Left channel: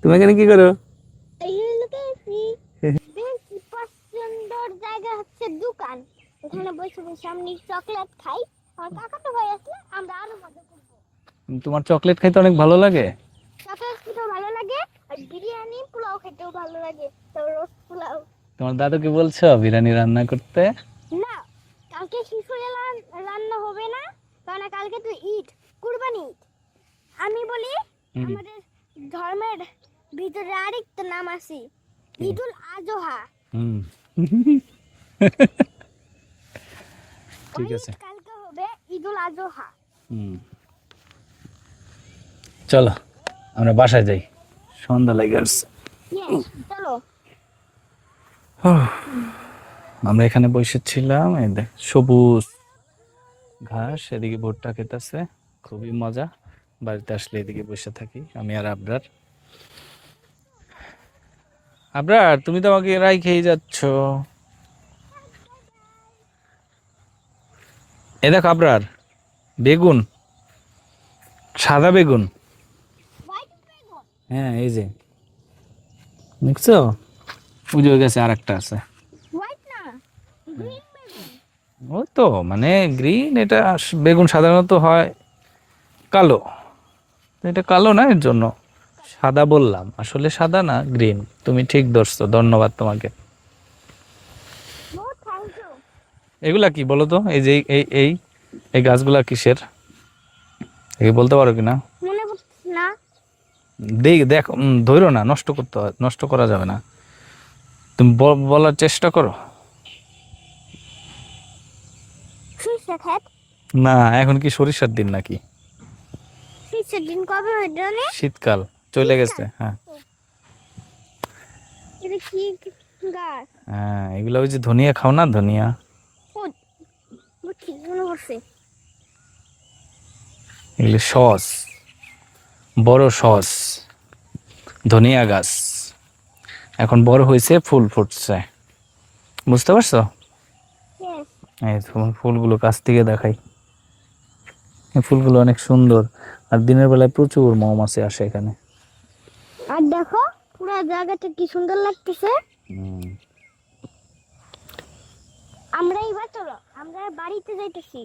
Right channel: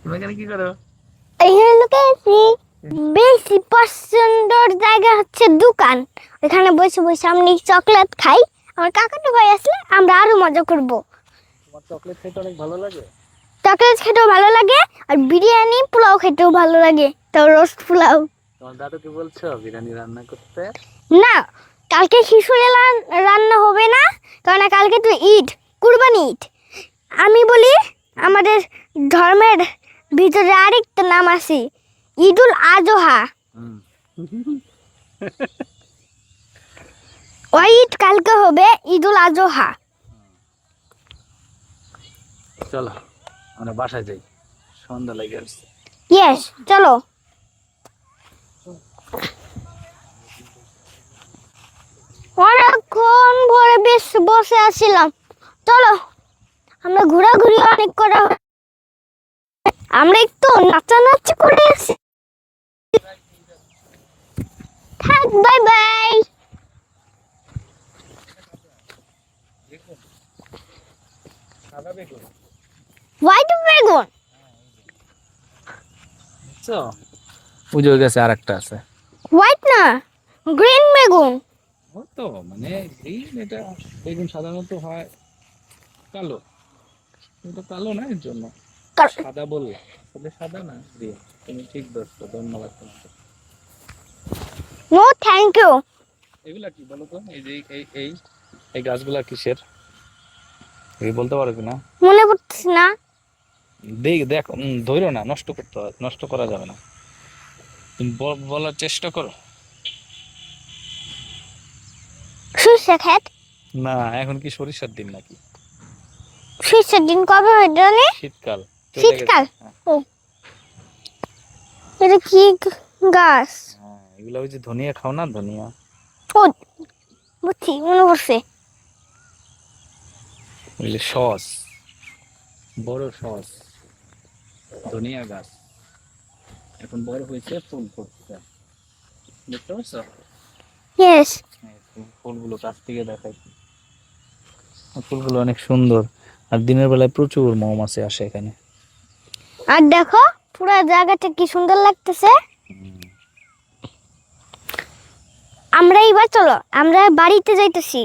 তুমি এখানে কি করো? এখানে লুকিয়েছি। বেশি পছন্দের জায়গা হচ্ছে দোকান। ওখানে বসে বসে আমি চকলেট খাই। আমার কাকাতো ভাই আসলে আমরা আরো মজা করব। তোমার চকলেট খাইতে অনেক ভালো লাগে? চকলেট খেতেও ভালো লাগে আর বিরিয়ানি পোলাও খেতেও ভালো লাগে। তো রোস্ট পোলাও। তোমার দাদুকে বলছো বিরিয়ানি রান্না করতে? না, কালকে খিচুড়ি রান্না হবে না, কারণ কালকে তো ঈদ, কুরবানি ঈদ। আমি বলি আমাদের ধর্মের ভিতরে আরেকটা নাম আছে, ঈদুল আজহা। ওই ঈদ কালকে হবে, ঈদুল আজহা। চলো আমরা বাসায় যাই, সন্ধ্যা লেগে আসছে। ইয়েস, চলো। আমরা এখানে বসেছিলাম, এই দেখ সবুজ, অনেকক্ষণ ভরে বেশ বসে আছিলাম। চলো মজা। আমরা ঘোরাঘুরি অনেক করা। আমি আর আবরার, আমরা একটু নাচানাচি করে আসি। আবরার তুমি তো আমাকে রাইখেই যাচ্ছ। থাক, বাই বাই। এই দেখ আবরার, বেগুন, সাদা বেগুন। হোয়াইট বেগুন? হ্যাঁ এই যে দেখছো, বুঝে গেছে আর একটা আছে। হোয়াইট না, গ্রিন বেগুন। ও তো মানে গ্রিন, এটা বেগুন সাধারণত হয় কালো, এটা কালো না, এর জন্য সাদা বললাম, আসলে সাদা না, গ্রিন। তুমি ঠিক ধরছো, ধন্যবাদ তোমাকে। No thank you. এগুলা কি বলো তো, এই যে এই এই এই গাছগুলা কিসের, এই বলতে পারো কিনা? মনে পড়ছে না। দেখো, ধরো না, নষ্ট করতে হয়, নষ্ট করা যাবে না, তুমি বলার চেষ্টা করো। সরিষা ক্ষেত? না, এখন কি সরিষার দিন নাকি? সরিষার দিন কবে হয় জানি? শীতকাল চলে গেছে। শীতকাল? হ্যাঁ ও, এটা কি গাছ? হ্যাঁ, এগুলো ওই যে ধনিয়া খাও না, ধনিয়া। ও, বুঝছি, মনে পড়ছে। এগুলো সস, বড় সস, ধনিয়া গাছ এখন বড় হয়েছে, ফুল ফুটছে, বুঝতে পারছো? ইয়েস। এই তোমার ফুলগুলো কাছ থেকে দেখাই, এই ফুলগুলো অনেক সুন্দর, আর দিনের বেলায় প্রচুর মৌমাছি আসে এখানে। আর দেখো পুরো জায়গাটা কি সুন্দর লাগতেছে। আমরা এবার চলো, আমরা বাড়িতে যাইতেছি।